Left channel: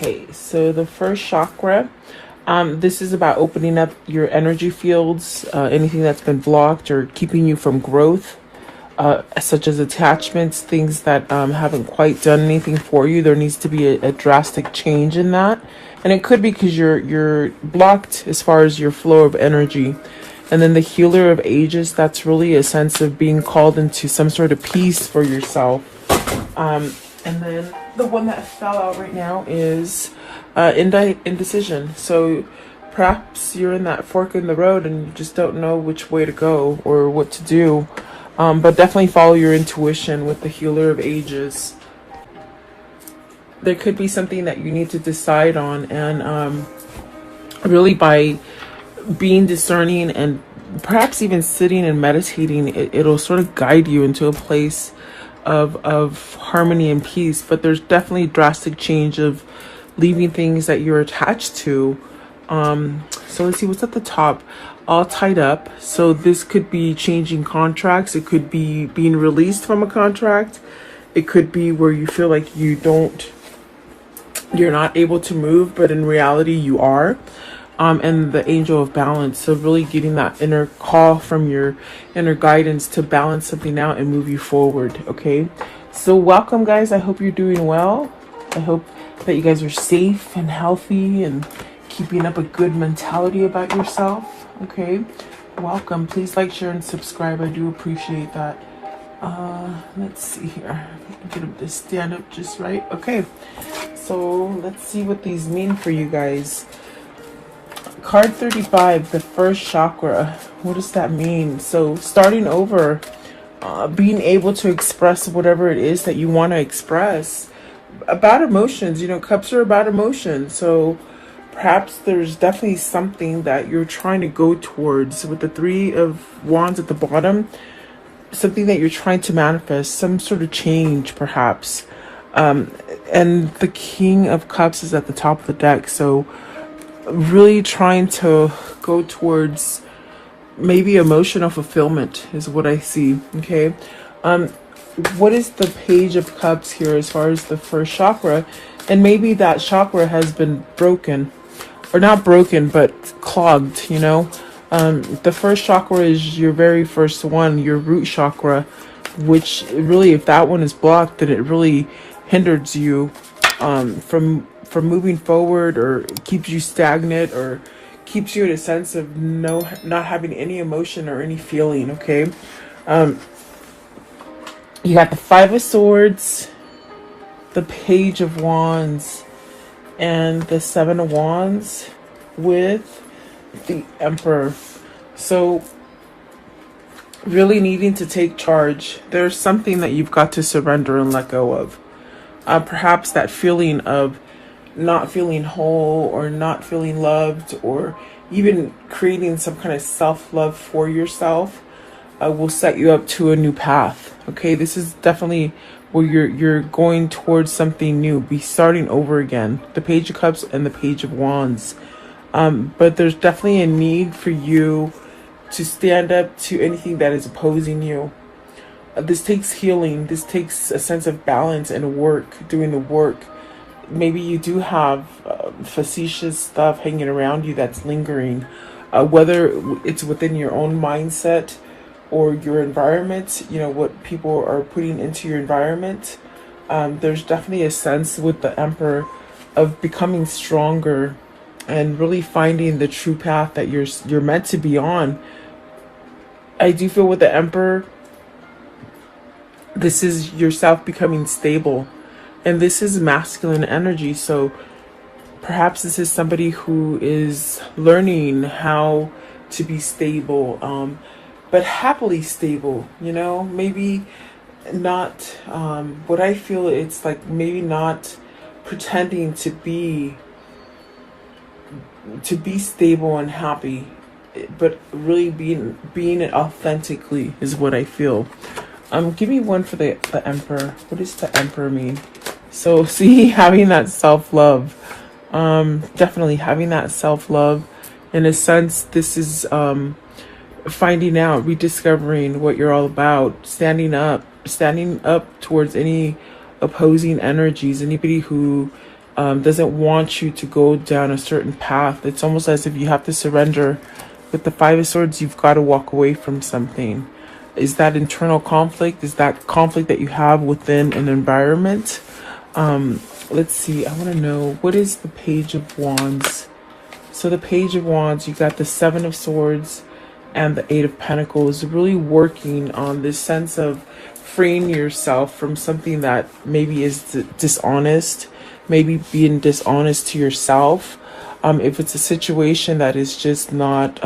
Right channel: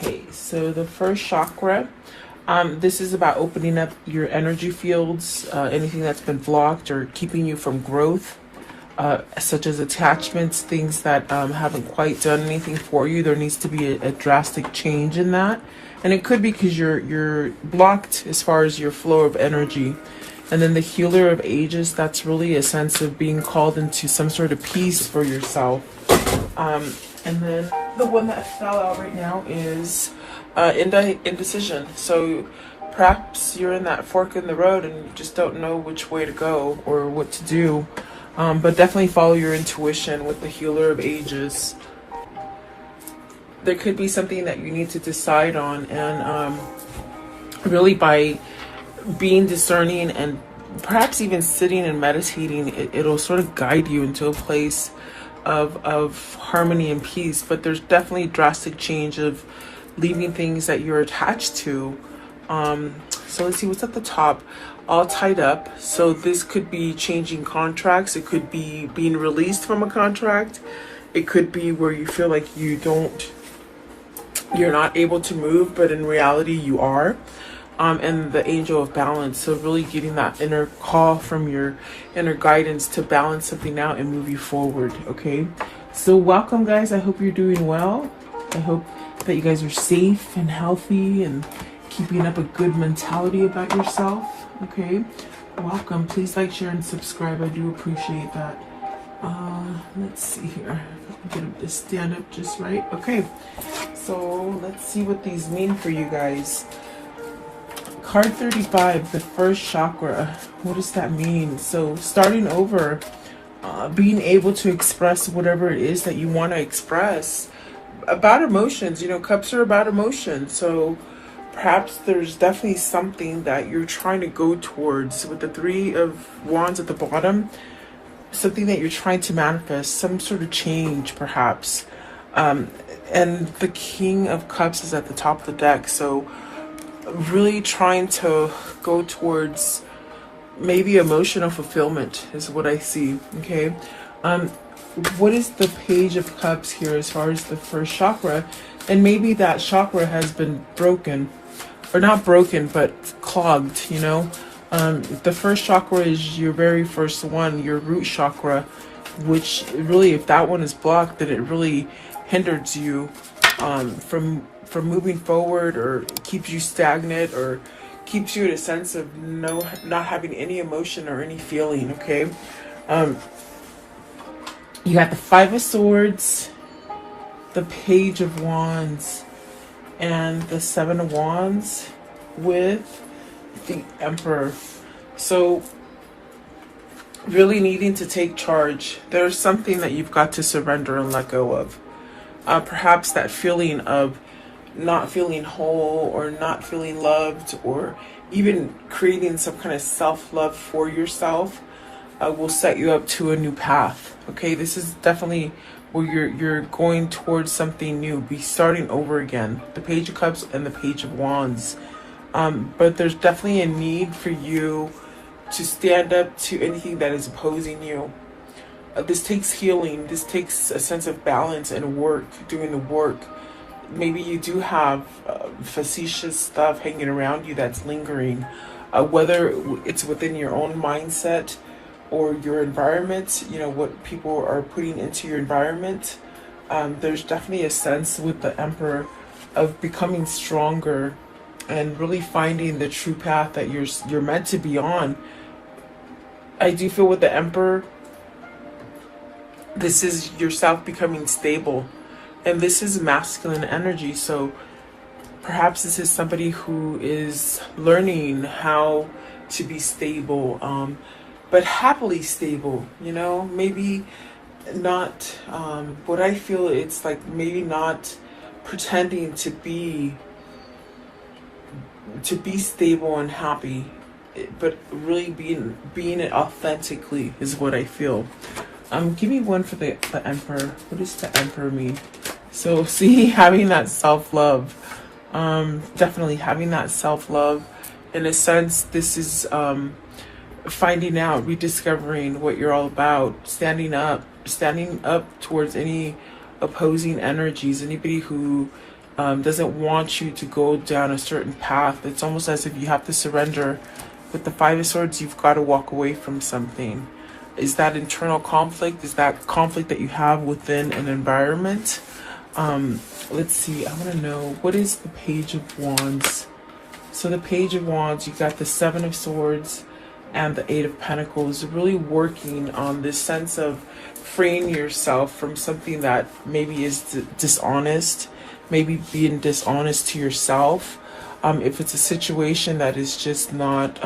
Okay, so the first chakra, this is about opening up your energy fields, anything that's been blocked or keeping you from growth, such as attachments, things that haven't quite done anything for you. There needs to be a drastic change in that, and it could be because you're blocked as far as your flow of energy. And then the healer of ages, that's really a sense of being called into some sort of peace for yourself. And then the one that fell out right now is indecision. So perhaps you're in that fork in the road and you just don't know which way to go or what to do. But definitely follow your intuition with the healer of ages. There could be something that you need to decide on, and really by being discerning and perhaps even sitting and meditating, it'll sort of guide you into a place of harmony and peace. But there's definitely drastic change of leaving things that you're attached to. So let's see what's at the top. All tied up. So this could be changing contracts. It could be being released from a contract. It could be where you feel like you're not able to move, but in reality you are. And the angel of balance. So really getting that inner call from your inner guidance to balance something out and move you forward. Okay. So welcome, guys. I hope you're doing well. I hope that you guys are safe and healthy and keeping up a good mentality about yourself. Okay. Welcome. Please like, share, and subscribe. I do appreciate that. Let's see here. Get them to stand up just right. Okay. So let's see what these mean for you guys. Card 35, the first chakra. What does that mean? So starting over, being able to express whatever it is that you want to express about emotions. You know, cups are about emotions. So perhaps there's definitely something that you're trying to go towards with the Three of Wands at the bottom. Something that you're trying to manifest, some sort of change perhaps. And the King of Cups is at the top of the deck. So really trying to go towards maybe emotional fulfillment is what I see. Okay. What is the Page of Cups here as far as the first chakra? And maybe that chakra has been broken, or not broken, but clogged, you know. The first chakra is your very first one, your root chakra, which really, if that one is blocked, then it really hinders you from moving forward, or keeps you stagnant, or keeps you in a sense of not having any emotion or any feeling. Okay. You got the Five of Swords, the Page of Wands, and the Seven of Wands with the Emperor. So really needing to take charge. There's something that you've got to surrender and let go of. Perhaps that feeling of not feeling whole, or not feeling loved, or even creating some kind of self-love for yourself will set you up to a new path. Okay, this is definitely where you're going towards something new, be starting over again. The Page of Cups and the Page of Wands. But there's definitely a need for you to stand up to anything that is opposing you. This takes healing. This takes a sense of balance and work, doing the work. Maybe you do have facetious stuff hanging around you that's lingering, whether it's within your own mindset or your environment, you know, what people are putting into your environment. There's definitely a sense with the Emperor of becoming stronger and really finding the true path that you're meant to be on. I do feel with the Emperor, this is yourself becoming stable. And this is masculine energy, so perhaps this is somebody who is learning how to be stable, but happily stable, you know, maybe not, what I feel, it's like maybe not pretending to be stable and happy, but really being it authentically is what I feel. Give me one for the Emperor. What does the Emperor mean? So see, having that self-love, definitely having that self-love. In a sense, this is finding out, rediscovering what you're all about, standing up towards any opposing energies, anybody who doesn't want you to go down a certain path. It's almost as if you have to surrender. With the Five of Swords, you've got to walk away from something. Is that internal conflict? Is that conflict that you have within an environment? Let's see. I want to know, what is the Page of Wands? So the Page of Wands, you got the Seven of Swords and the Eight of Pentacles, really working on this sense of freeing yourself from something that maybe is dishonest, maybe being dishonest to yourself. If it's a situation that is just not,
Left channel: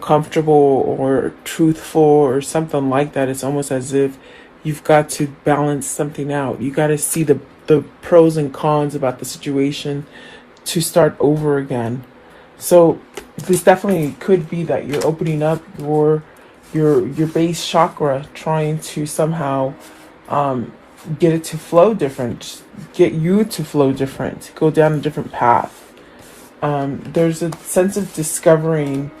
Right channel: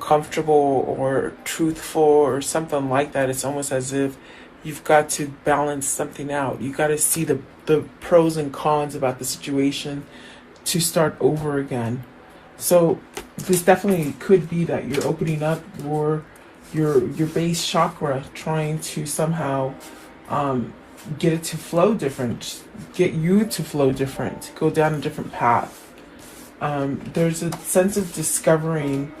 comfortable or truthful or something like that, it's almost as if you've got to balance something out. You got to see the pros and cons about the situation to start over again. So this definitely could be that you're opening up your base chakra, trying to somehow get it to flow different, get you to flow different, go down a different path. There's a sense of discovering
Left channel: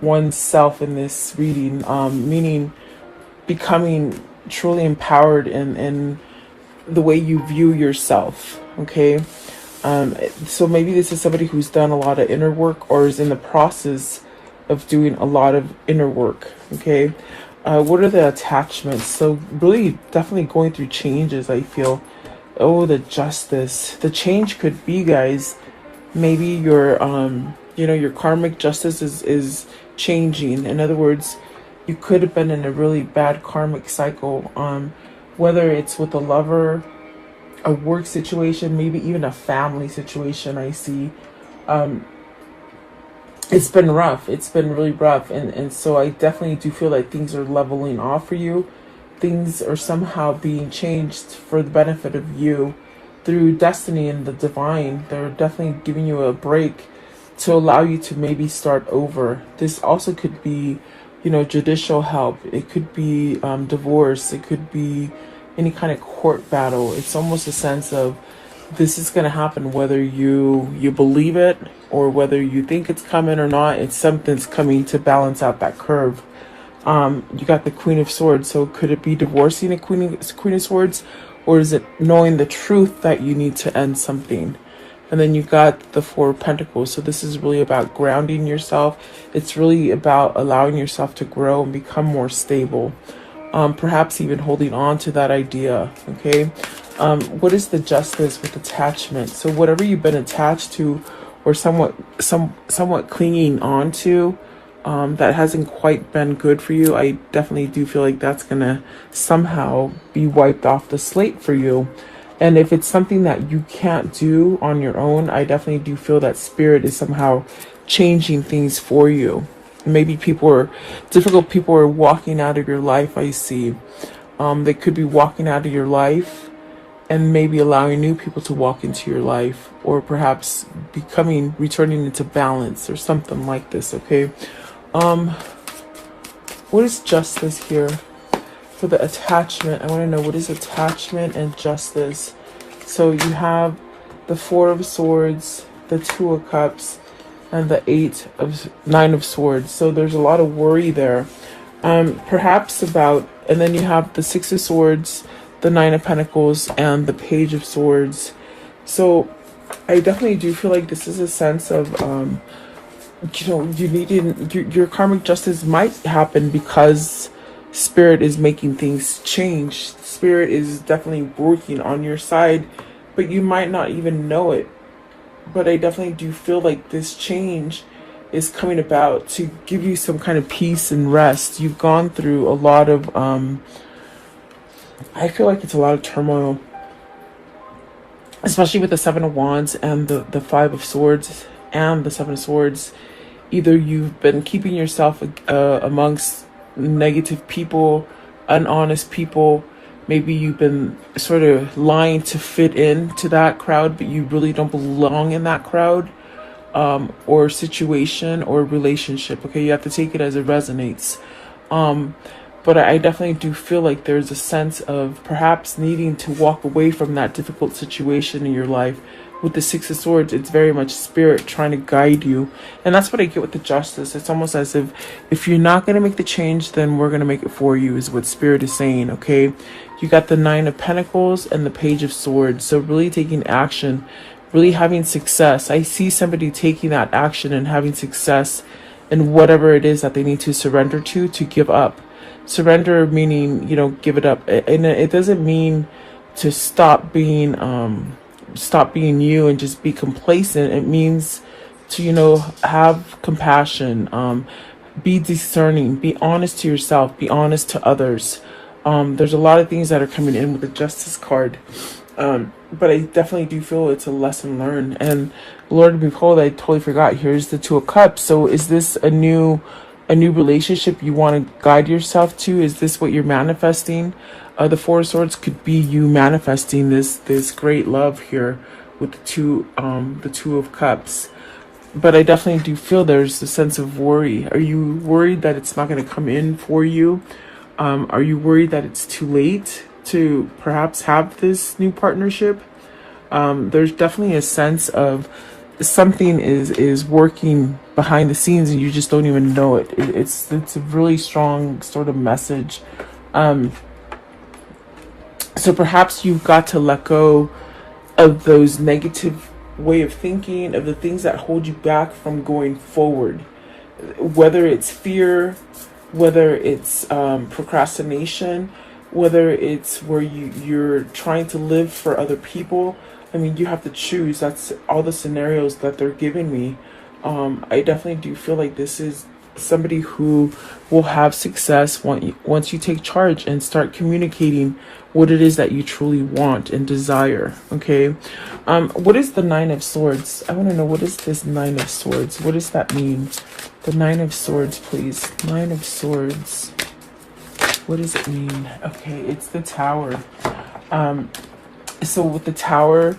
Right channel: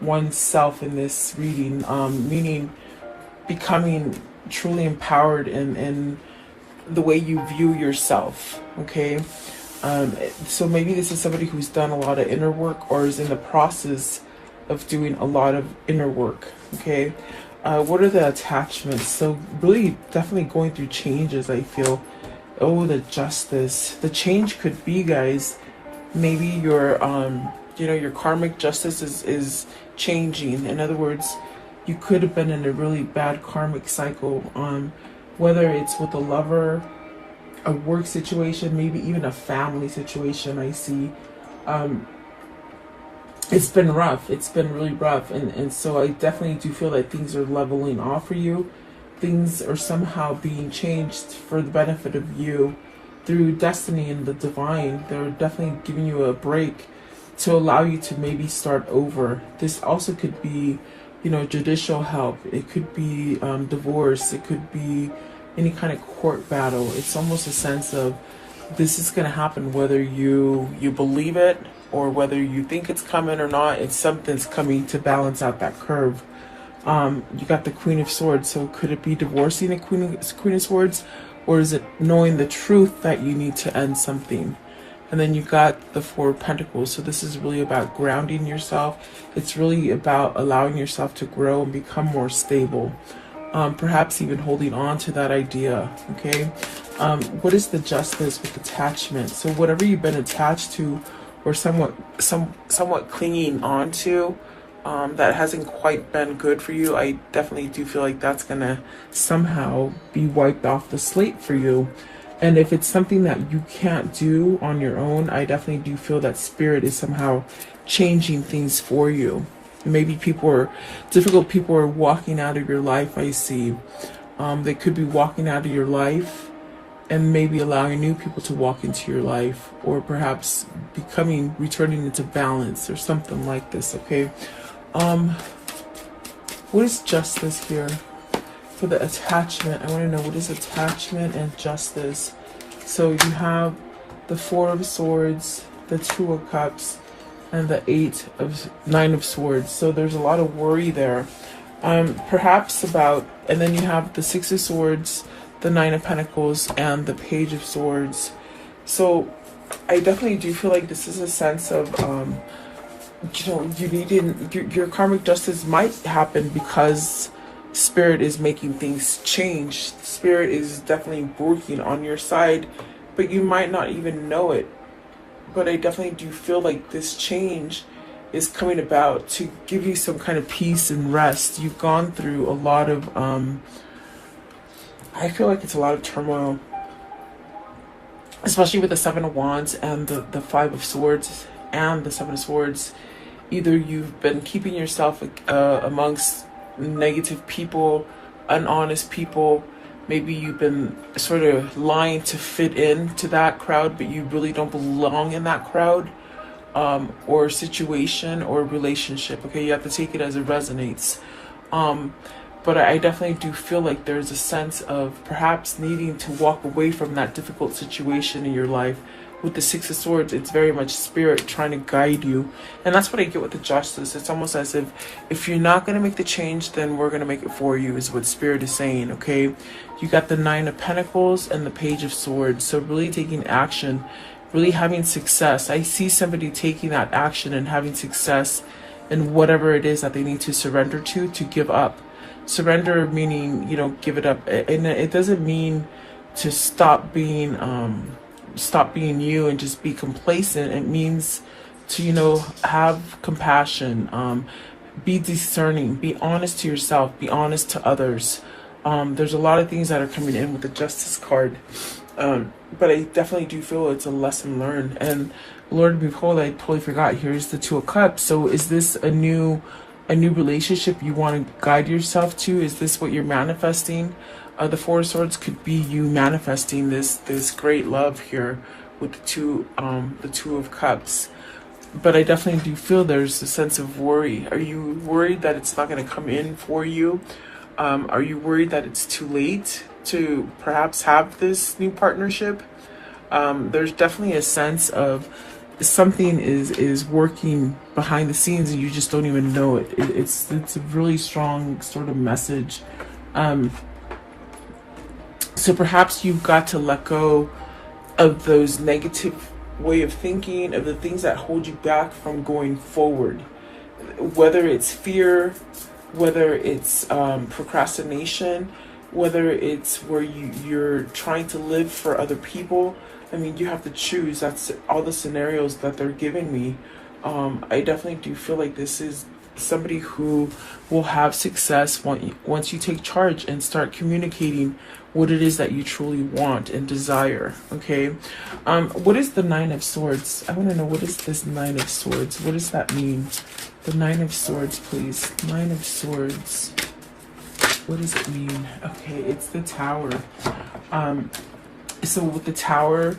oneself in this reading, meaning becoming truly empowered in the way you view yourself. Okay. So maybe this is somebody who's done a lot of inner work or is in the process of doing a lot of inner work. Okay. What are the attachments? So really definitely going through changes, I feel. Oh, the Justice. The change could be, guys, maybe your your karmic justice is changing. In other words, you could have been in a really bad karmic cycle, whether it's with a lover, a work situation, maybe even a family situation. I see it's been rough. It's been really rough, and so I definitely do feel like things are leveling off for you. Things are somehow being changed for the benefit of you through destiny and the divine. They're definitely giving you a break to allow you to maybe start over. This also could be, judicial help. It could be divorce. It could be any kind of court battle. It's almost a sense of this is going to happen whether you believe it or whether you think it's coming or not. It's something's coming to balance out that curve. You got the Queen of Swords. So could it be divorcing the Queen of Swords? Or is it knowing the truth that you need to end something? And then you got the Four of Pentacles. So this is really about grounding yourself. It's really about allowing yourself to grow and become more stable. Perhaps even holding on to that idea. Okay. What is the Justice with attachment? So whatever you've been attached to or somewhat clinging on to, that hasn't quite been good for you, I definitely do feel like that's gonna somehow be wiped off the slate for you. And if it's something that you can't do on your own, I definitely do feel that Spirit is somehow changing things for you. Maybe difficult people are walking out of your life, I see. They could be walking out of your life and maybe allowing new people to walk into your life, or perhaps returning into balance or something like this, okay? What is Justice here? For the attachment, I want to know what is attachment and justice. So you have the Four of Swords, the Two of Cups, and the Nine of Swords. So there's a lot of worry there. Perhaps and then you have the Six of Swords, the Nine of Pentacles, and the Page of Swords. So I definitely do feel like this is a sense of, your karmic justice might happen because Spirit is making things change. Spirit is definitely working on your side, but you might not even know it. But I definitely do feel like this change is coming about to give you some kind of peace and rest. You've gone through a lot of, I feel like it's a lot of turmoil, especially with the Seven of Wands and the Five of Swords and the Seven of Swords. Either you've been keeping yourself amongst negative people, honest people. Maybe you've been sort of lying to fit into that crowd, but you really don't belong in that crowd, or situation or relationship. Okay, you have to take it as it resonates. but I definitely do feel like there's a sense of perhaps needing to walk away from that difficult situation in your life. With the Six of Swords, it's very much spirit trying to guide you. And that's what I get with the Justice. It's almost as if you're not going to make the change, then we're going to make it for you, is what spirit is saying, okay? You got the Nine of Pentacles and the Page of Swords. So really taking action, really having success. I see somebody taking that action and having success in whatever it is that they need to surrender to give up. Surrender meaning, you know, give it up. And it doesn't mean to stop being you and just be complacent. It means to, you know, have compassion, be discerning, be honest to yourself, be honest to others. There's a lot of things that are coming in with the Justice card. But I definitely do feel it's a lesson learned. And Lord, behold, I totally forgot. Here's the Two of Cups. So is this a new relationship you want to guide yourself to? Is this what you're manifesting? The Four of Swords could be you manifesting this great love here with the Two of Cups. But I definitely do feel there's a sense of worry. Are you worried that it's not going to come in for you? Are you worried that it's too late to perhaps have this new partnership? There's definitely a sense of something is working behind the scenes and you just don't even know it. It's a really strong sort of message. So perhaps you've got to let go of those negative way of thinking, of the things that hold you back from going forward. Whether it's fear, whether it's procrastination, whether it's where you're trying to live for other people. I mean, you have to choose. That's all the scenarios that they're giving me. I definitely do feel like this is somebody who will have success once you take charge and start communicating what it is that you truly want and desire. Okay. What is the Nine of Swords? I want to know, what is this Nine of Swords? What does that mean? The Nine of Swords, please. Nine of Swords. What does it mean? Okay, it's the Tower. So with the Tower,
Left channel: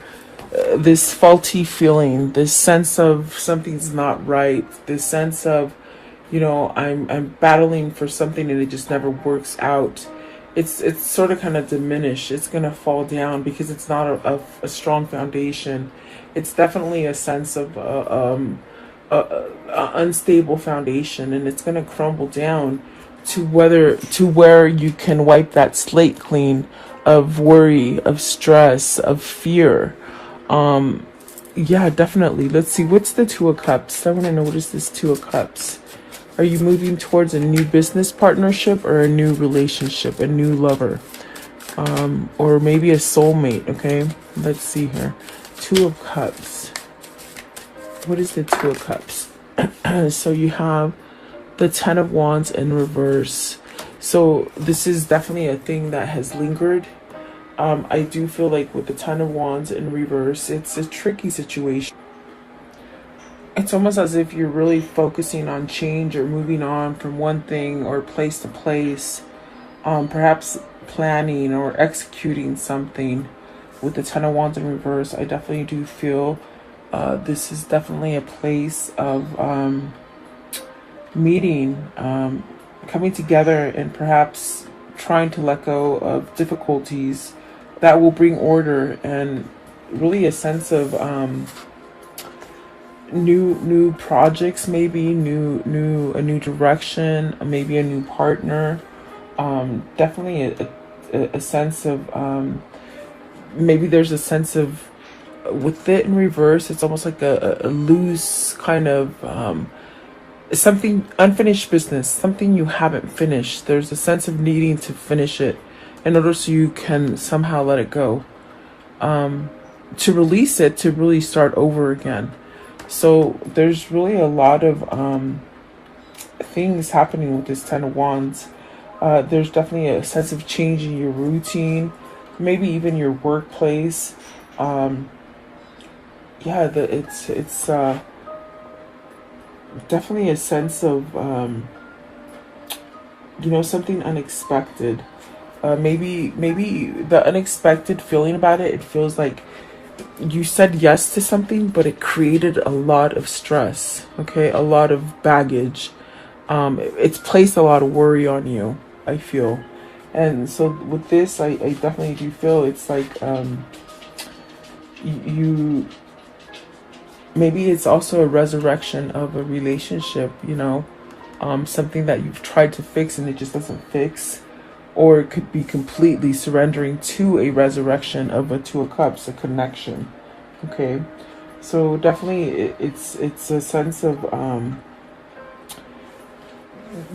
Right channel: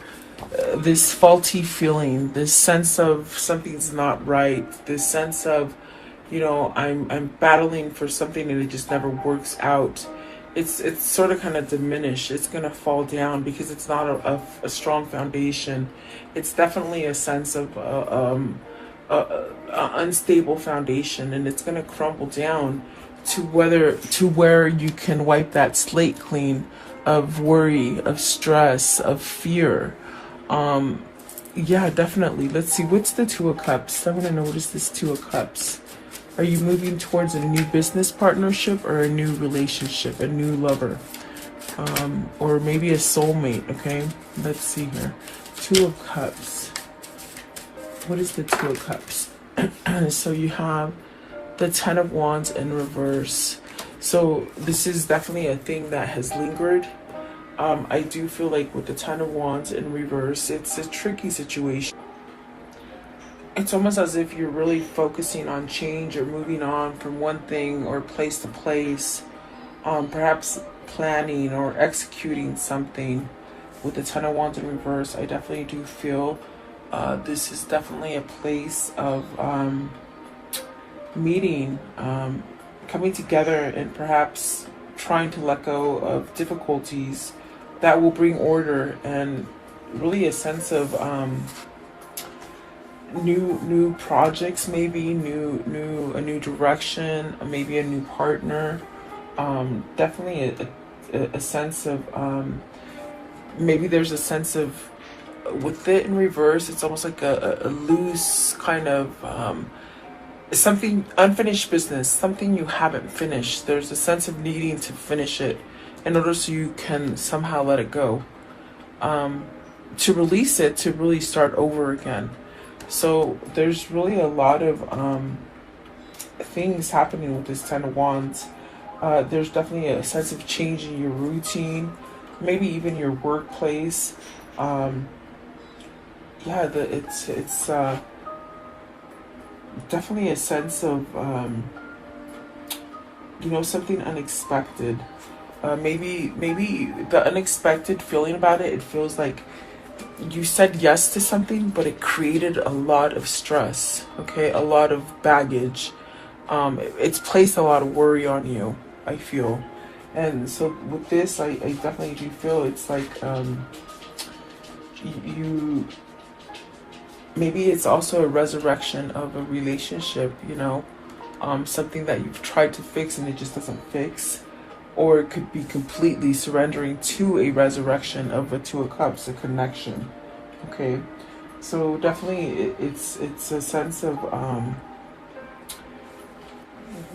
this faulty feeling, this sense of something's not right, this sense of, you know, I'm battling for something and it just never works out. It's sort of kind of diminished. It's going to fall down because it's not a strong foundation. It's definitely a sense of a unstable foundation, and it's going to crumble down to where you can wipe that slate clean of worry, of stress, of fear. Yeah, definitely. Let's see, what's the Two of Cups? I want to know, what is this Two of Cups? Are you moving towards a new business partnership or a new relationship, a new lover? Or maybe a soulmate, okay? Let's see here. Two of Cups. What is the Two of Cups? So you have the Ten of Wands in reverse. So this is definitely a thing that has lingered. I do feel like with the Ten of Wands in reverse, it's a tricky situation. It's almost as if you're really focusing on change or moving on from one thing or place to place. Perhaps planning or executing something. With the Ten of Wands in reverse, I definitely do feel this is definitely a place of meeting, coming together, and perhaps trying to let go of difficulties that will bring order and really a sense of new projects, maybe a new direction, maybe a new partner. Definitely a sense of maybe there's a sense of, with it in reverse, it's almost like a loose kind of something, unfinished business, something you haven't finished. There's a sense of needing to finish it in order so you can somehow let it go, to release it, to really start over again. So there's really a lot of things happening with this Ten of Wands. There's definitely a sense of change in your routine, maybe even your workplace. Yeah, it's definitely a sense of you know, something unexpected. Maybe the unexpected feeling about it. It feels like you said yes to something, but it created a lot of stress. Okay, a lot of baggage. It's placed a lot of worry on you. I feel. And so with this, I definitely do feel it's like you maybe it's also a resurrection of a relationship, you know, something that you've tried to fix and it just doesn't fix. Or it could be completely surrendering to a resurrection of a Two of Cups, a connection. Okay, so definitely it's a sense of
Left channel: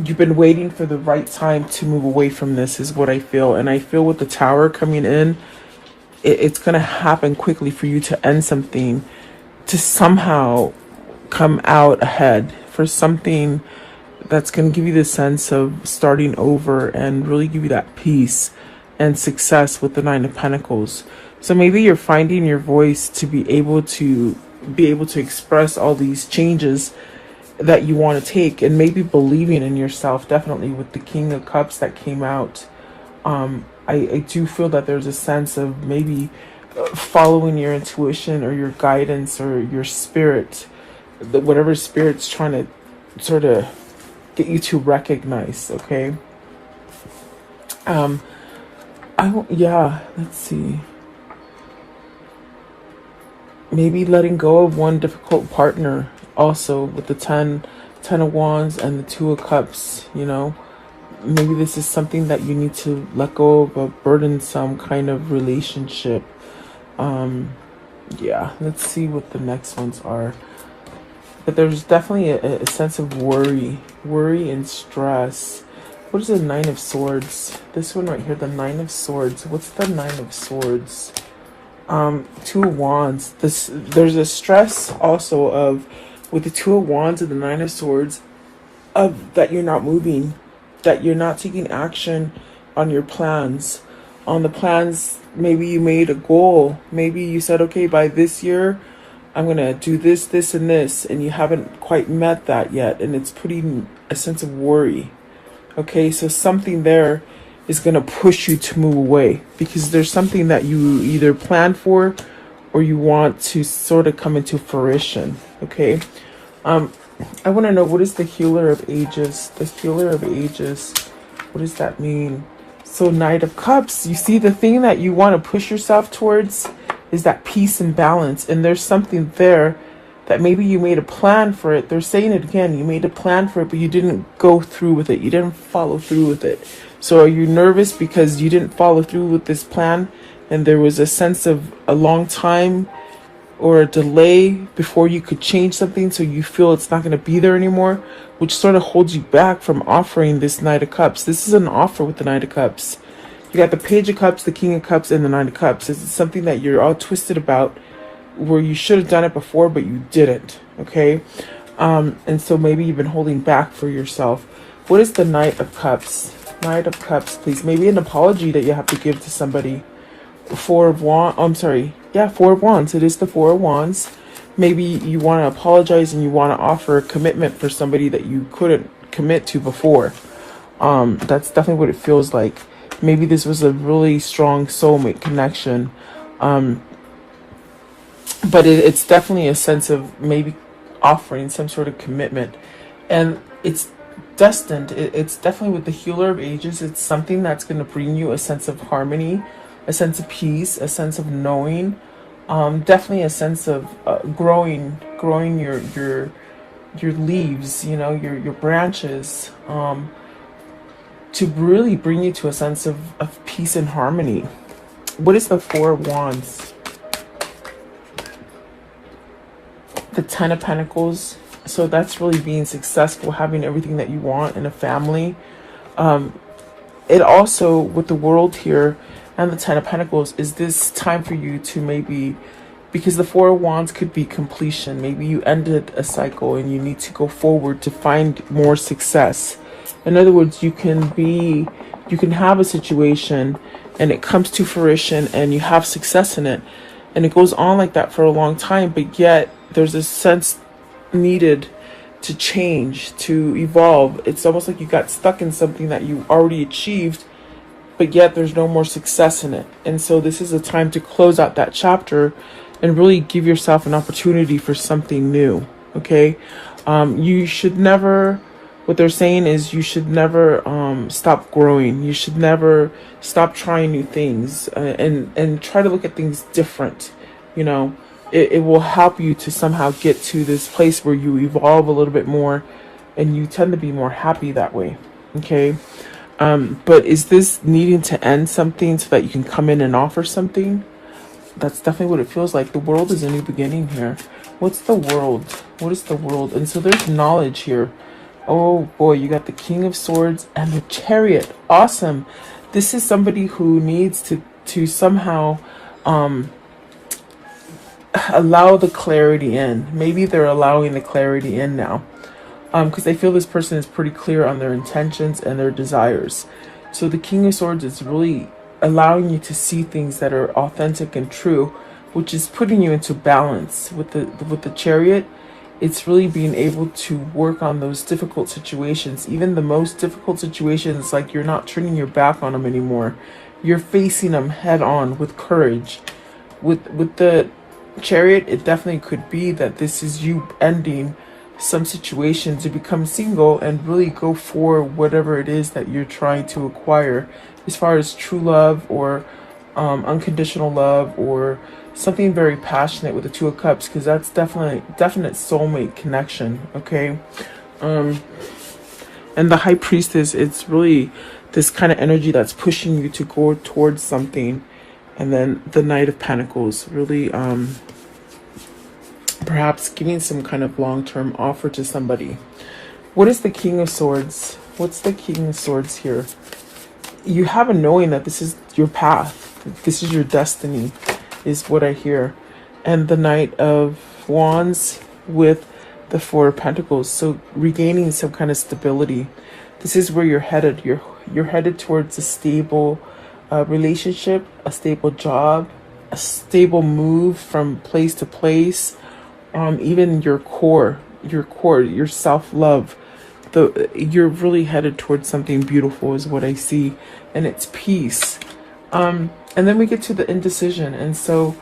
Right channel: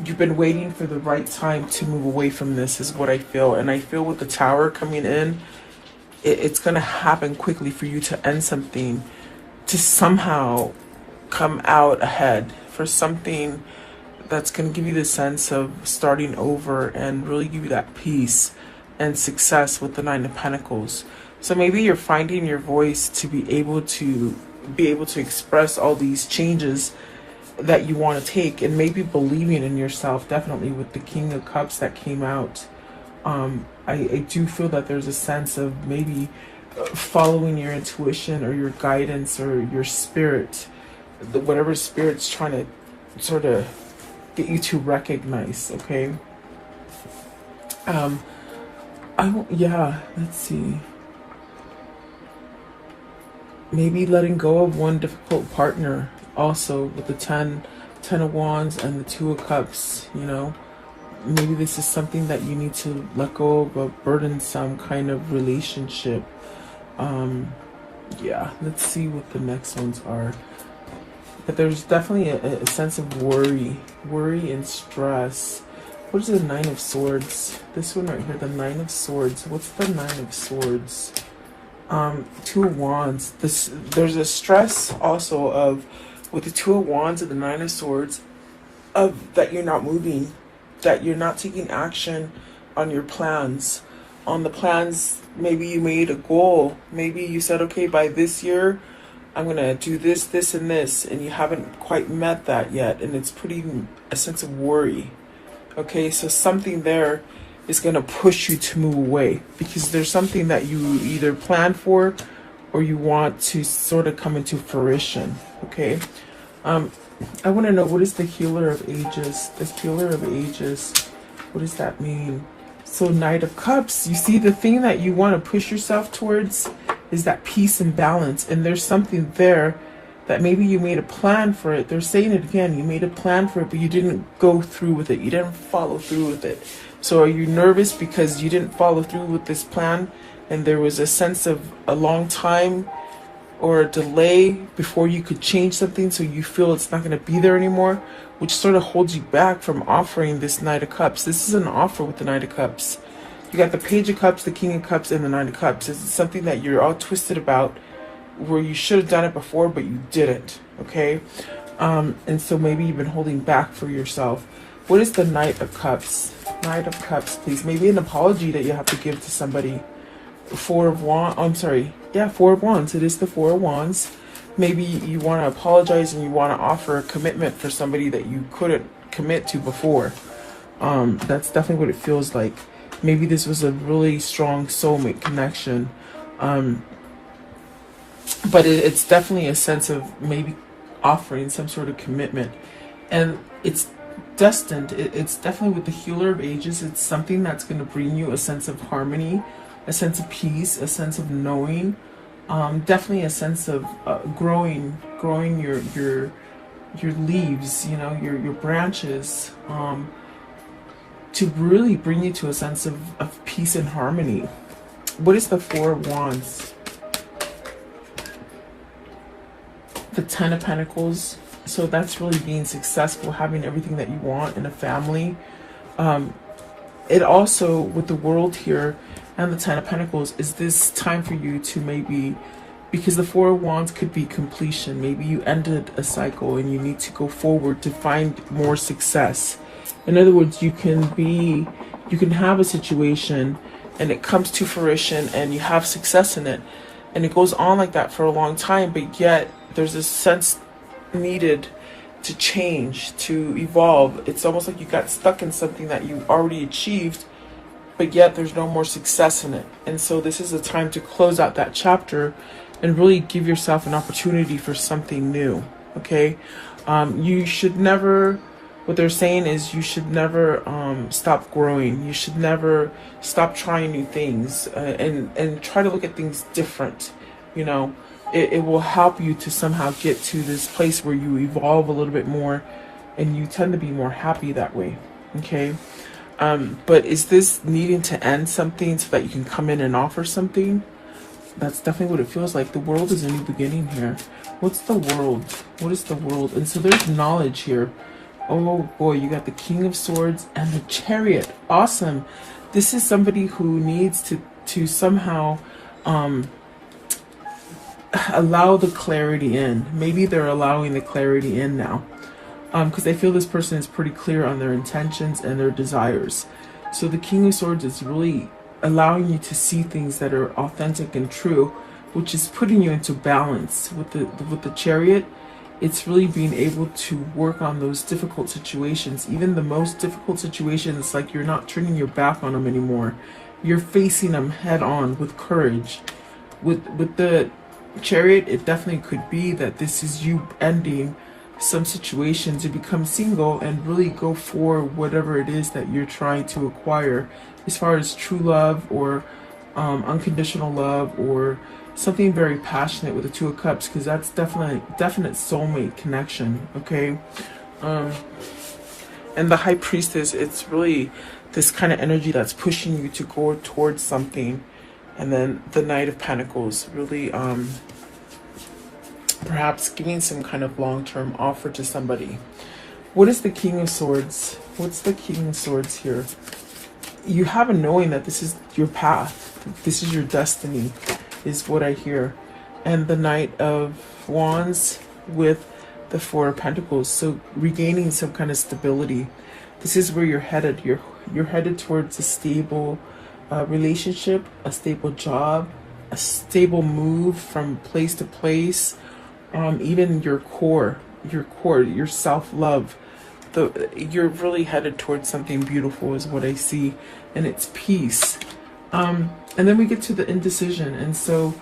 you've been waiting for the right time to move away from this is what I feel. And I feel with the Tower coming in, it's going to happen quickly for you to end something, to somehow come out ahead for something that's going to give you the sense of starting over and really give you that peace and success with the Nine of Pentacles. So maybe you're finding your voice to be able to express all these changes that you want to take, and maybe believing in yourself, definitely with the King of Cups that came out. I do feel that there's a sense of maybe following your intuition or your guidance or your spirit, whatever spirit's trying to sort of get you to recognize. Okay. Yeah, let's see. Maybe letting go of one difficult partner also with the 10 of Wands and the Two of Cups, you know. Maybe this is something that you need to let go of, a burdensome kind of relationship. Yeah, let's see what the next ones are. But there's definitely a sense of worry and stress. What is the Nine of Swords? This one right here, the Nine of Swords. What's the Nine of Swords? Two of Wands. There's a stress also of, with the Two of Wands and the Nine of Swords, of that you're not moving, that you're not taking action on your plans. On the plans, maybe you made a goal. Maybe you said, okay, by this year, I'm going to do this, this, and this, and you haven't quite met that yet, and it's putting a sense of worry. Okay, so something there is going to push you to move away, because there's something that you either plan for or you want to sort of come into fruition. Okay, I want to know, what is the Healer of Ages? The Healer of Ages, what does that mean? So Knight of Cups, you see, the thing that you want to push yourself towards is that peace and balance. And there's something there that maybe you made a plan for it. They're saying it again. You made a plan for it, but you didn't go through with it. You didn't follow through with it. So are you nervous because you didn't follow through with this plan? And there was a sense of a long time or a delay before you could change something, so you feel it's not going to be there anymore, which sort of holds you back from offering this Knight of Cups. This is an offer with the Knight of Cups. You got the Page of Cups, the King of Cups, and the Knight of Cups. Is it something that you're all twisted about, where you should have done it before, but you didn't? Okay. And so maybe you've been holding back for yourself. What is the Knight of Cups? Knight of Cups, please. Maybe an apology that you have to give to somebody. Four of Wands. I'm sorry. Yeah, Four of Wands. It is the Four of Wands. Maybe you want to apologize and you want to offer a commitment for somebody that you couldn't commit to before. That's definitely what it feels like. Maybe this was a really strong soulmate connection. But it's definitely a sense of maybe offering some sort of commitment. And it's destined. It's definitely with the Healer of Ages. It's something that's going to bring you a sense of harmony, a sense of peace, a sense of knowing. Definitely a sense of growing your leaves, you know, your branches, to really bring you to a sense of peace and harmony. What is the Four of Wands? The Ten of Pentacles. So that's really being successful, having everything that you want in a family. It also, with the World here and the Ten of Pentacles, is this time for you to maybe, because the Four of Wands could be completion. Maybe you ended a cycle and you need to go forward to find more success. In other words, you can have a situation and it comes to fruition and you have success in it. And it goes on like that for a long time, but yet there's a sense needed to change, to evolve. It's almost like you got stuck in something that you already achieved, but yet there's no more success in it. And so this is a time to close out that chapter and really give yourself an opportunity for something new. Okay. You should never what they're saying is you should never stop growing. You should never stop trying new things, and try to look at things different. You know, it will help you to somehow get to this place where you evolve a little bit more, and you tend to be more happy that way. Okay. But is this needing to end something so that you can come in and offer something? That's definitely what it feels like. The world is a new beginning here. What's the world? What is the world? And so there's knowledge here. Oh boy, you got the King of Swords and the Chariot. Awesome. This is somebody who needs to somehow allow the clarity in. Maybe they're allowing the clarity in now. Because I feel this person is pretty clear on their intentions and their desires. So the King of Swords is really allowing you to see things that are authentic and true, which is putting you into balance. With the Chariot, it's really being able to work on those difficult situations. Even the most difficult situations, like you're not turning your back on them anymore. You're facing them head on with courage. With the Chariot, it definitely could be that this is you ending some situation to become single and really go for whatever it is that you're trying to acquire, as far as true love or unconditional love, or something very passionate with the Two of Cups, because that's definite soulmate connection. Okay. And the High Priestess, it's really this kind of energy that's pushing you to go towards something. And then the Knight of Pentacles, really perhaps giving some kind of long-term offer to somebody. What is the King of Swords? What's the King of Swords here? You have a knowing that this is your path. This is your destiny, is what I hear. And the Knight of Wands with the Four of Pentacles. So regaining some kind of stability. This is where you're headed. You're headed towards a stable relationship, a stable job, a stable move from place to place. Even your core, your self-love, you're really headed towards something beautiful is what I see, and it's peace. And then we get to the indecision. And so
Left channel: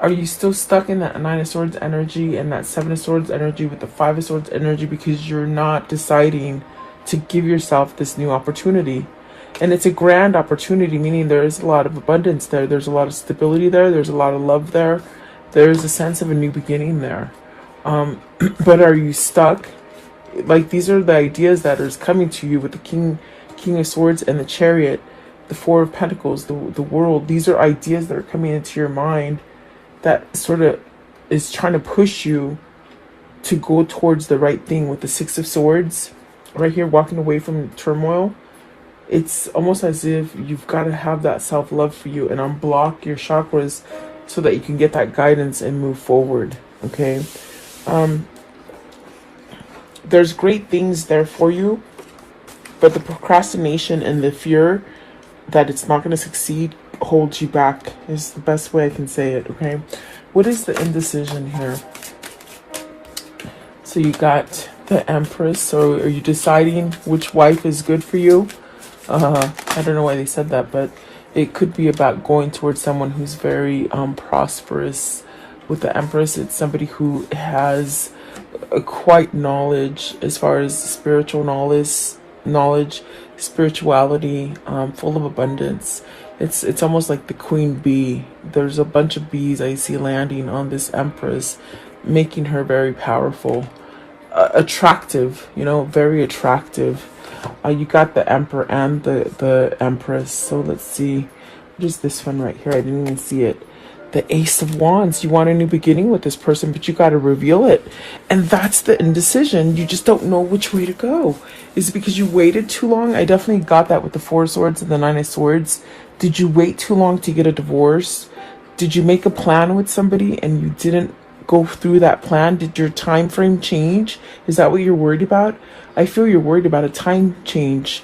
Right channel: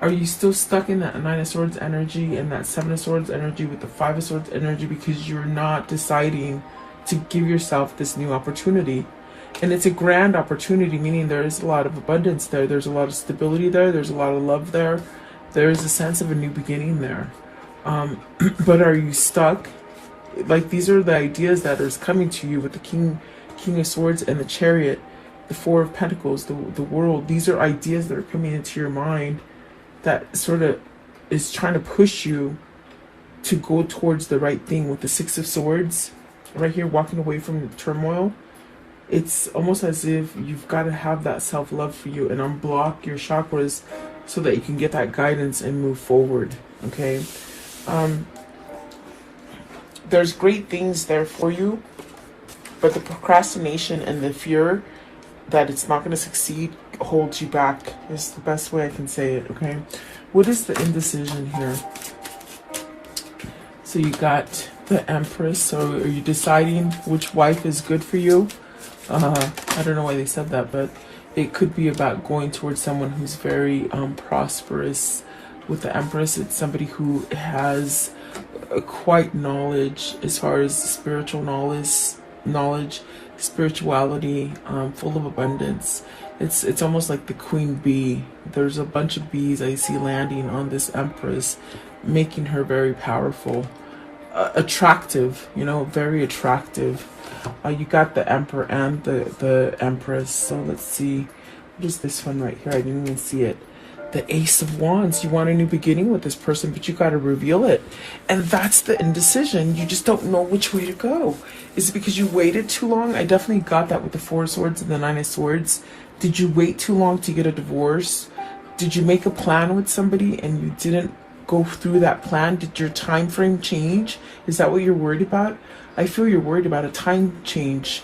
are you still stuck in that Nine of Swords energy and that Seven of Swords energy with the Five of Swords energy, because you're not deciding to give yourself this new opportunity? And it's a grand opportunity, meaning there is a lot of abundance there. There's a lot of stability there. There's a lot of love there. There is a sense of a new beginning there. But are you stuck? Like, these are the ideas that are coming to you with the King of Swords and the Chariot, the Four of Pentacles, the world. These are ideas that are coming into your mind that sort of is trying to push you to go towards the right thing. With the Six of Swords right here, walking away from turmoil. It's almost as if you've got to have that self-love for you and unblock your chakras so that you can get that guidance and move forward. Okay. There's great things there for you, but the procrastination and the fear that it's not going to succeed holds you back, is the best way I can say it. Okay. What is the indecision here? So you got the Empress. So are you deciding which wife is good for you? I don't know why they said that, but it could be about going towards someone who's very prosperous. With the Empress, it's somebody who has quite knowledge as far as spiritual knowledge, spirituality, full of abundance. It's almost like the queen bee. There's a bunch of bees I see landing on this Empress, making her very powerful, attractive, very attractive. You got the Emperor and the Empress. So let's see. What is this one right here? I didn't even see it. The Ace of Wands. You want a new beginning with this person, but you got to reveal it. And that's the indecision. You just don't know which way to go. Is it because you waited too long? I definitely got that with the Four of Swords and the Nine of Swords. Did you wait too long to get a divorce? Did you make a plan with somebody and you didn't go through that plan? Did your time frame change? Is that what you're worried about? I feel you're worried about a time change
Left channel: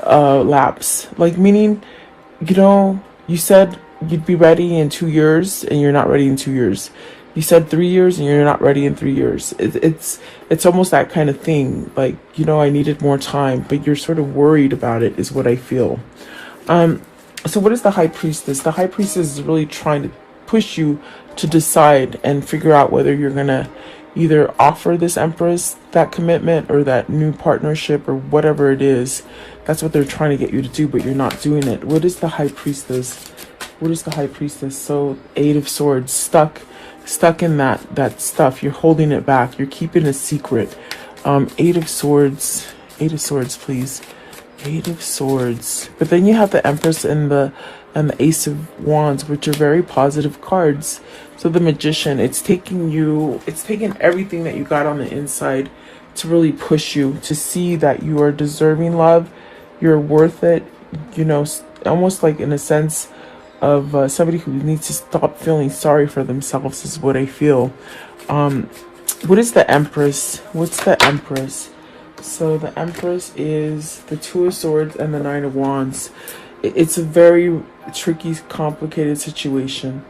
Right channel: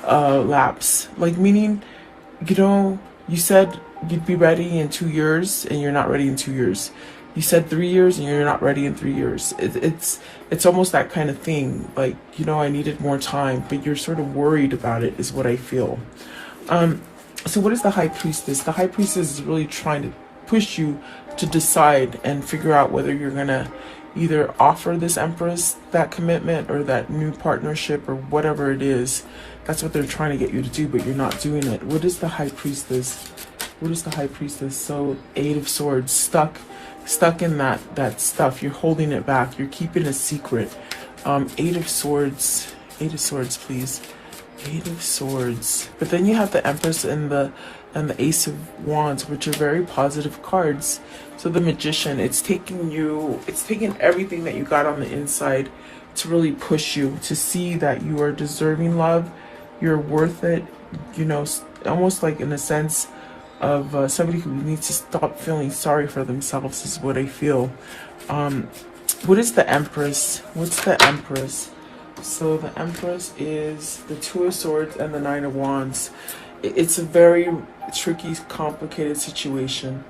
lapse. Like, meaning, you said you'd be ready in 2 years and you're not ready in 2 years. You said 3 years and you're not ready in 3 years. It's almost that kind of thing. Like, I needed more time, but you're sort of worried about it, is what I feel. So what is the High Priestess? The High Priestess is really trying to push you to decide and figure out whether you're gonna either offer this Empress that commitment or that new partnership or whatever it is. That's what they're trying to get you to do, but you're not doing it. What is the High Priestess? What is the High Priestess? So, Eight of Swords, stuck in that stuff. You're holding it back. You're keeping a secret. Eight of Swords, please. Eight of Swords. But then you have the Empress and the Ace of Wands, which are very positive cards. So the Magician, it's taking everything that you got on the inside to really push you to see that you are deserving love, you're worth it, you know, almost like in a sense of somebody who needs to stop feeling sorry for themselves is what I feel. What is the Empress? What's the Empress? So the Empress is the Two of Swords and the Nine of Wands. It's a very tricky, complicated situation.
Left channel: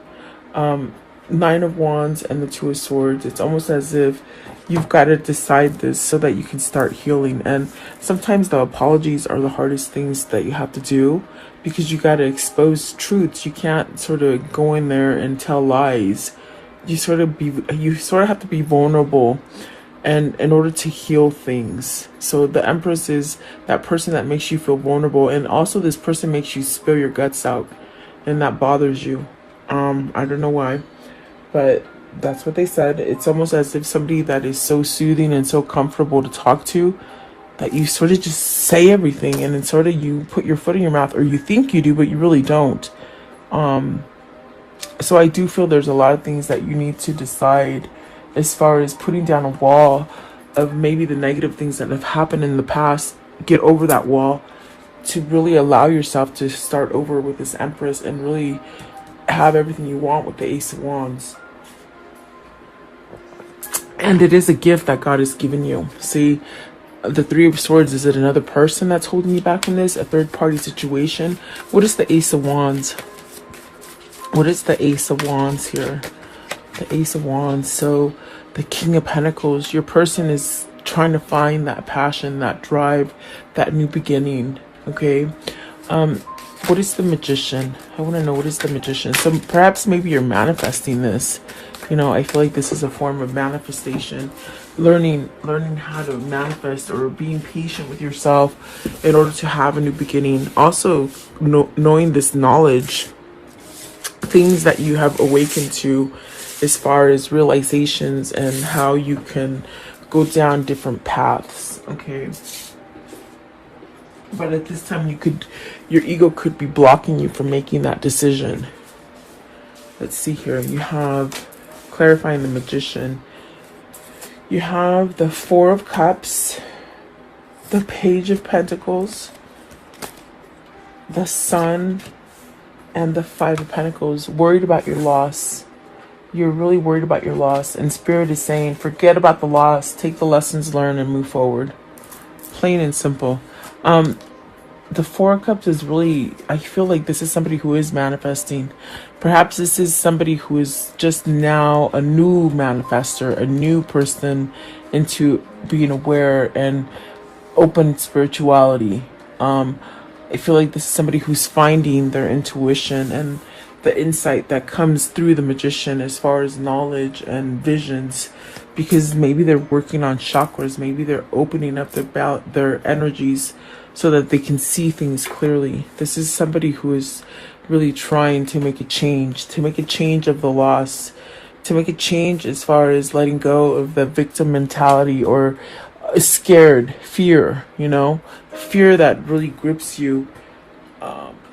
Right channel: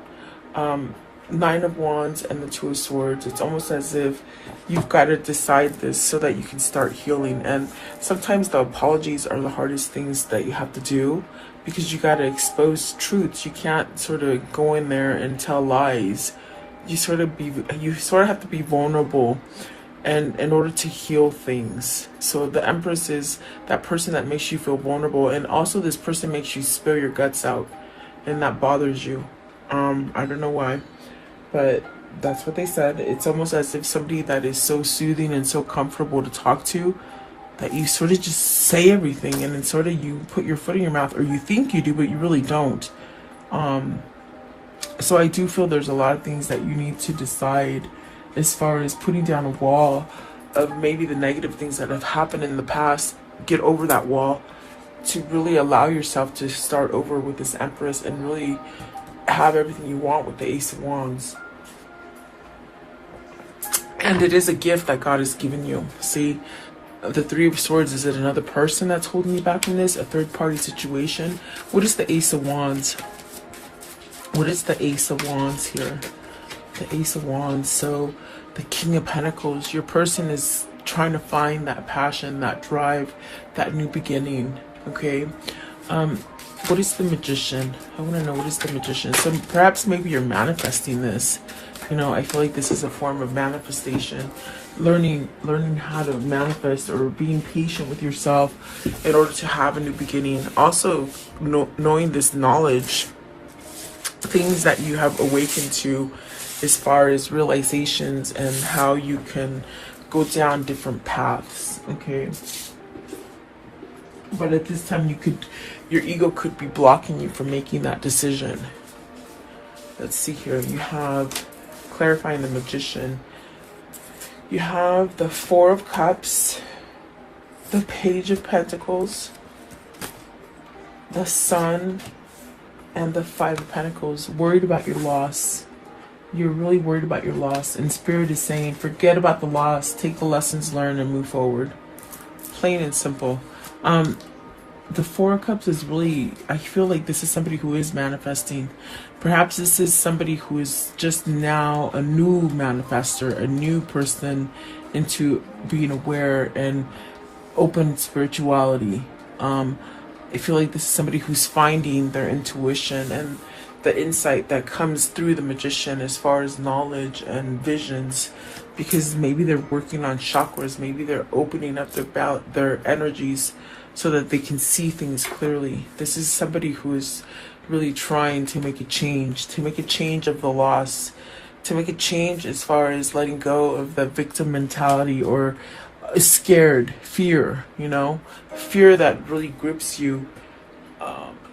Nine of Wands and the Two of Swords. It's almost as if you've got to decide this so that you can start healing. And sometimes the apologies are the hardest things that you have to do because you got to expose truths. You can't sort of go in there and tell lies. You sort of have to be vulnerable and in order to heal things. So the Empress is that person that makes you feel vulnerable, and also this person makes you spill your guts out, and that bothers you. I don't know why, but that's what they said. It's almost as if somebody that is so soothing and so comfortable to talk to that you sort of just say everything, and it's sort of you put your foot in your mouth, or you think you do but you really don't. So I do feel there's a lot of things that you need to decide as far as putting down a wall of maybe the negative things that have happened in the past. Get over that wall to really allow yourself to start over with this Empress and really have everything you want with the Ace of Wands. And it is a gift that God has given you. See, the Three of Swords, is it another person that's holding you back from this? A third party situation? What is the Ace of Wands? What is the Ace of Wands here? The Ace of Wands. So the King of Pentacles, your person is trying to find that passion, that drive, that new beginning. Okay. What is the Magician? I want to know, what is the Magician? So perhaps maybe you're manifesting this. You know, I feel like this is a form of manifestation. Learning how to manifest, or being patient with yourself in order to have a new beginning. Also knowing this knowledge, things that you have awakened to as far as realizations and how you can go down different paths. Okay. But at this time, your ego could be blocking you from making that decision. Let's see here. You have clarifying the Magician. You have the Four of Cups, the Page of Pentacles, the Sun, and the Five of Pentacles. Worried about your loss. You're really worried about your loss. And Spirit is saying, forget about the loss. Take the lessons learned and move forward. Plain and simple. The Four of Cups is really, I feel like this is somebody who is manifesting. Perhaps this is somebody who is just now a new manifester, a new person into being aware and open spirituality. I feel like this is somebody who's finding their intuition and the insight that comes through the Magician as far as knowledge and visions, because maybe they're working on chakras, maybe they're opening up their energies so that they can see things clearly. This is somebody who is really trying to make a change of the loss, to make a change as far as letting go of the victim mentality or scared fear, you know, fear that really grips you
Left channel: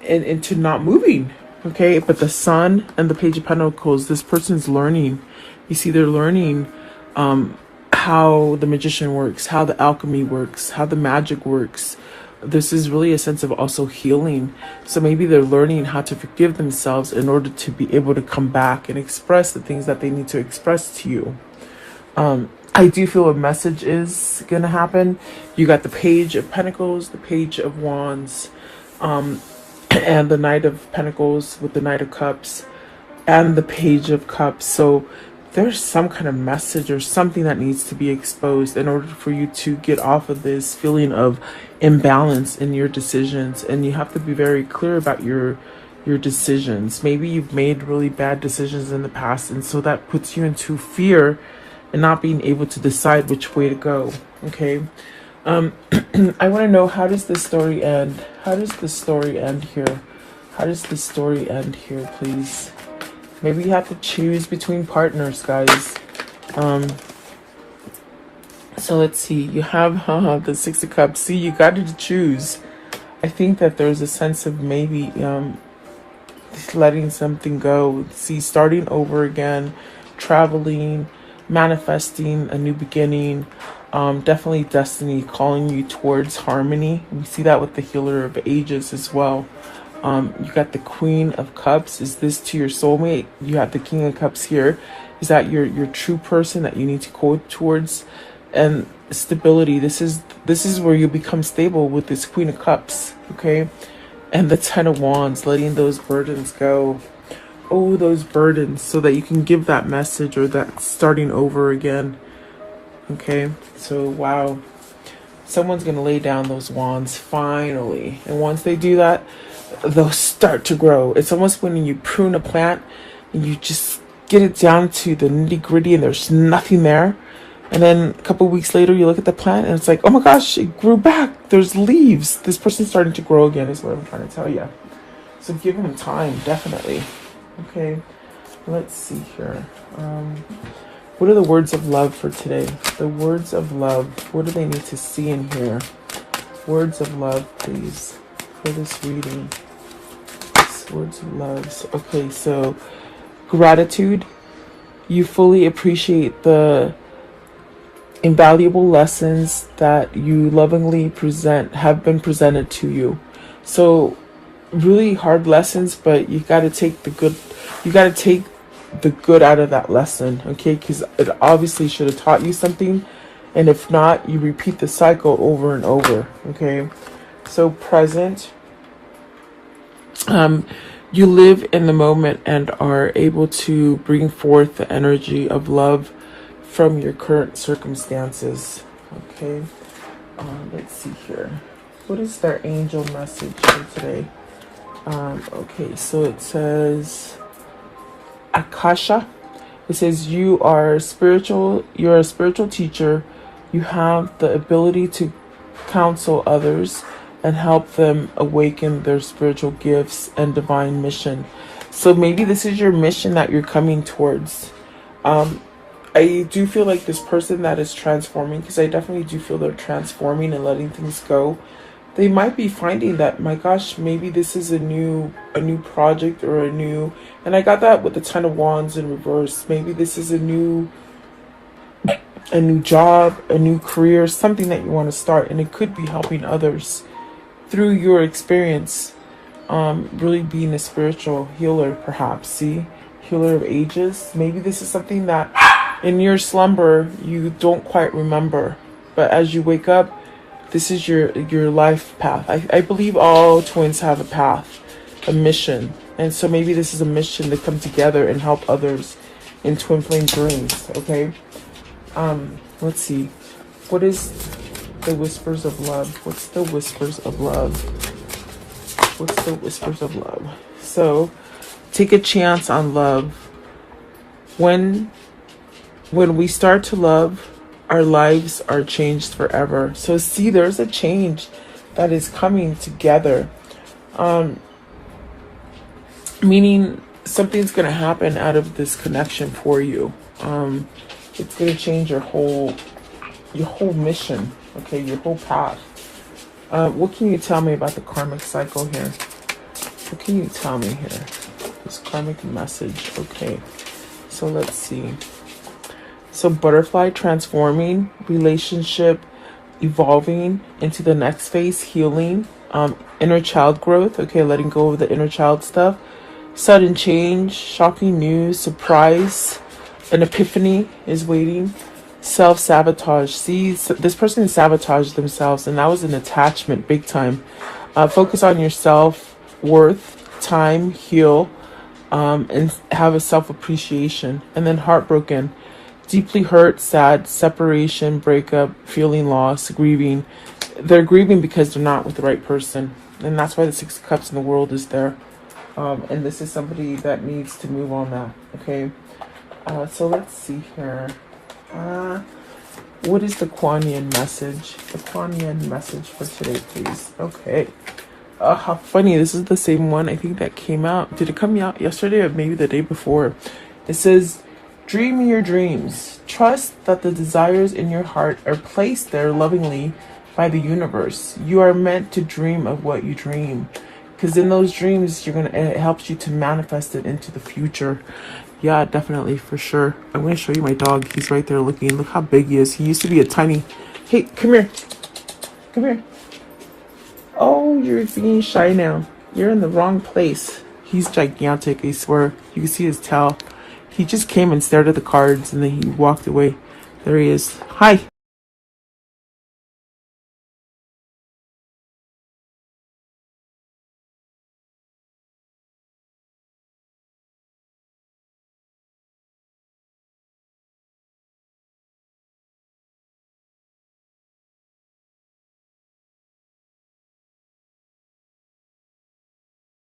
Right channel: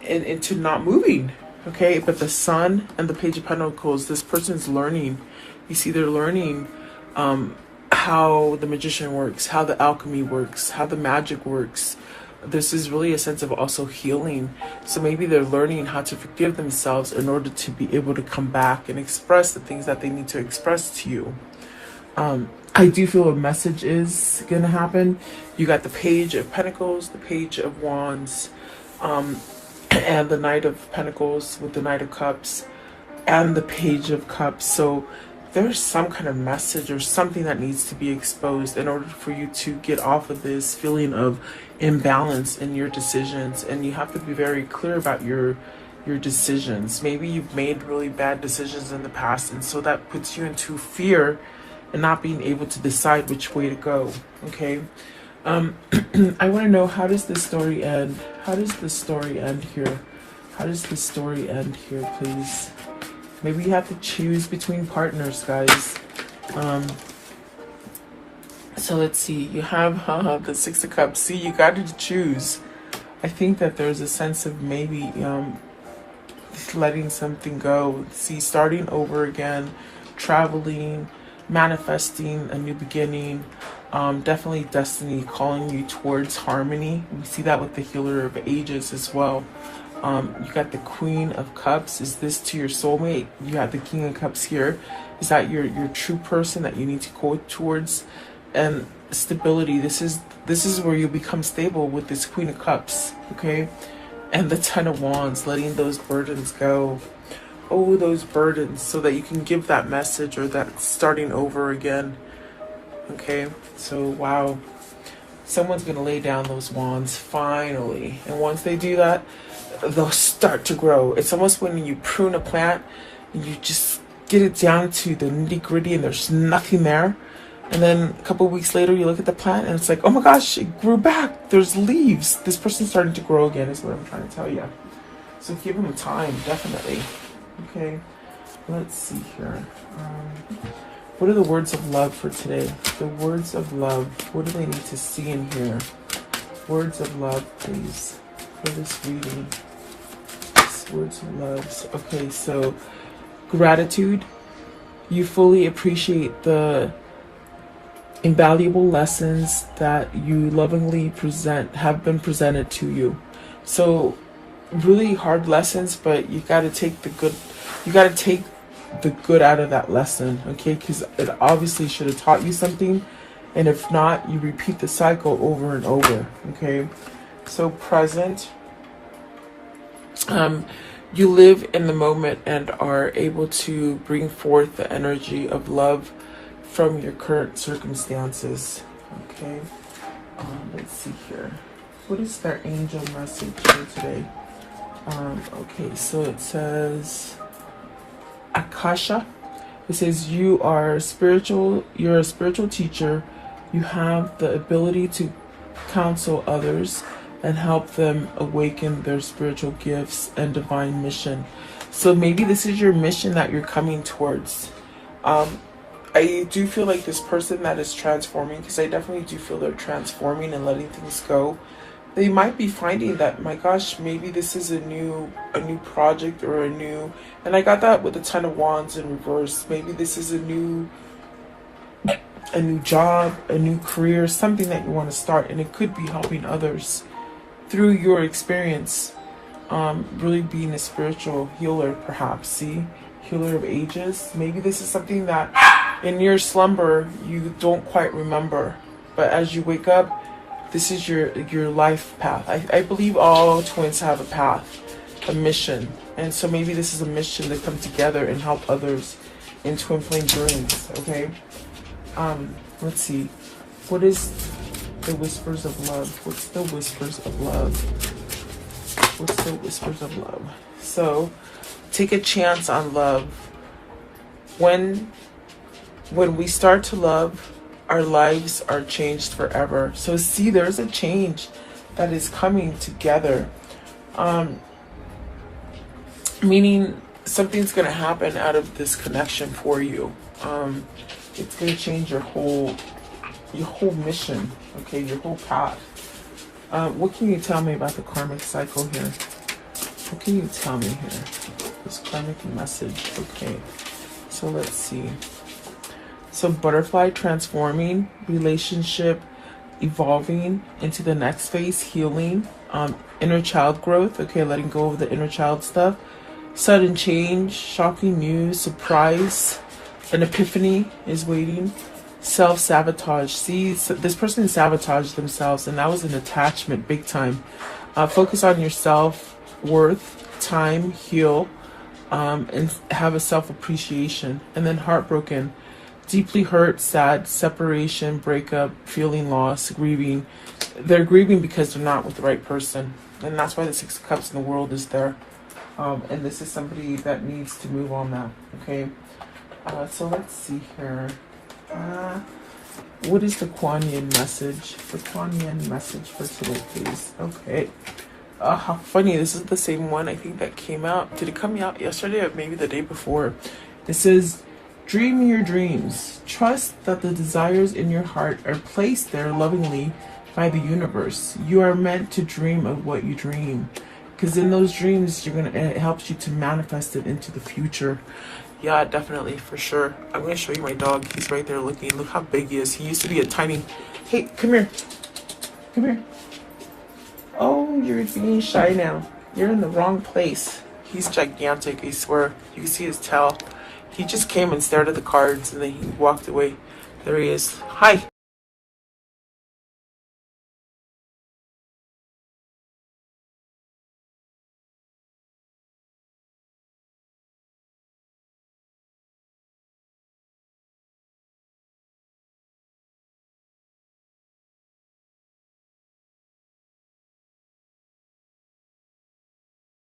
into not moving. Okay, but the Sun and the Page of Pentacles, this person's learning. You see, they're learning how the Magician works, how the alchemy works, how the magic works. This is really a sense of also healing. So maybe they're learning how to forgive themselves in order to be able to come back and express the things that they need to express to you. I do feel a message is going to happen. You got the Page of Pentacles, the Page of Wands, and the Knight of Pentacles with the Knight of Cups and the Page of Cups. So there's some kind of message or something that needs to be exposed in order for you to get off of this feeling of imbalance in your decisions. And you have to be very clear about your decisions. Maybe you've made really bad decisions in the past, and so that puts you into fear and not being able to decide which way to go. Okay. I want to know, how does this story end? How does the story end here? How does the story end here, please? Maybe you have to choose between partners, guys. So let's see. You have the Six of Cups. See, you got to choose. I think that there's a sense of maybe letting something go. See, starting over again, traveling, manifesting a new beginning. Definitely destiny calling you towards harmony. We see that with the Healer of Ages as well. You got the Queen of Cups. Is this to your soulmate? You have the King of Cups here. Is that your true person that you need to go towards? And stability. This is where you become stable with this Queen of Cups. Okay, and the Ten of Wands, letting those burdens go. Oh, those burdens, so that you can give that message, or that starting over again. Okay, so wow, someone's gonna lay down those wands finally, and once they do that, they'll start to grow. It's almost when you prune a plant and you just get it down to the nitty-gritty and there's nothing there, and then a couple of weeks later you look at the plant and it's like, oh my gosh, it grew back, there's leaves, this person's starting to grow again, is what I'm trying to tell you. So give them time, definitely. Okay, let's see here. What are the words of love for today? The words of love. What do they need to see in here? Words of love, please, for this reading. Words of love. Okay, so gratitude. You fully appreciate the invaluable lessons that you lovingly have been presented to you. So really hard lessons, but you got to take the good. You got to take the good out of that lesson, okay? Because it obviously should have taught you something, and if not, you repeat the cycle over and over. Okay, so present. You live in the moment and are able to bring forth the energy of love from your current circumstances. Okay, let's see here. What is their angel message for today? Okay, so it says Akasha. It says you are spiritual. You're a spiritual teacher. You have the ability to counsel others and help them awaken their spiritual gifts and divine mission. So maybe this is your mission that you're coming towards. I do feel like this person that is transforming, because I definitely do feel they're transforming and letting things go. They might be finding that, my gosh, maybe this is a new project, or and I got that with the Ten of Wands in reverse. Maybe this is a new job, a new career, something that you want to start, and it could be helping others through your experience. Really being a spiritual healer, perhaps. See, Healer of Ages. Maybe this is something that in your slumber you don't quite remember, but as you wake up, this is your life path. I believe all twins have a path, a mission. And so maybe this is a mission to come together and help others in twin flame dreams, okay? Let's see. What is the whispers of love? What's the whispers of love? What's the whispers of love? So, take a chance on love. When we start to love, our lives are changed forever. So see, there's a change that is coming together. Meaning something's going to happen out of this connection for you. It's going to change your whole mission, okay, your whole path. What can you tell me about the karmic cycle here? What can you tell me here? This karmic message, okay. So let's see. So butterfly transforming, relationship evolving into the next phase, healing, inner child growth, okay, letting go of the inner child stuff, sudden change, shocking news, surprise, an epiphany is waiting, self-sabotage. See, so this person sabotaged themselves, and that was an attachment, big time. Focus on your self-worth, time, heal, and have a self-appreciation. And then heartbroken. Deeply hurt, sad, separation, breakup, feeling loss, grieving. They're grieving because they're not with the right person. And that's why the Six of Cups in the world is there. And this is somebody that needs to move on now. Okay. So let's see here. What is the Kuan Yin message? The Kuan Yin message for today, please. Okay. How funny. This is the same one I think that came out. Did it come out yesterday or maybe the day before? It says, dream your dreams. Trust that the desires in your heart are placed there lovingly by the universe. You are meant to dream of what you dream. Because in those dreams, it helps you to manifest it into the future. Yeah, definitely, for sure. I'm gonna show you my dog. He's right there looking. Look how big he is. He used to be a tiny. Hey, come here. Come here. Oh, you're being shy now. You're in the wrong place. He's gigantic, I swear. You can see his tail. He just came and stared at the cards and then he walked away. There he is. Hi.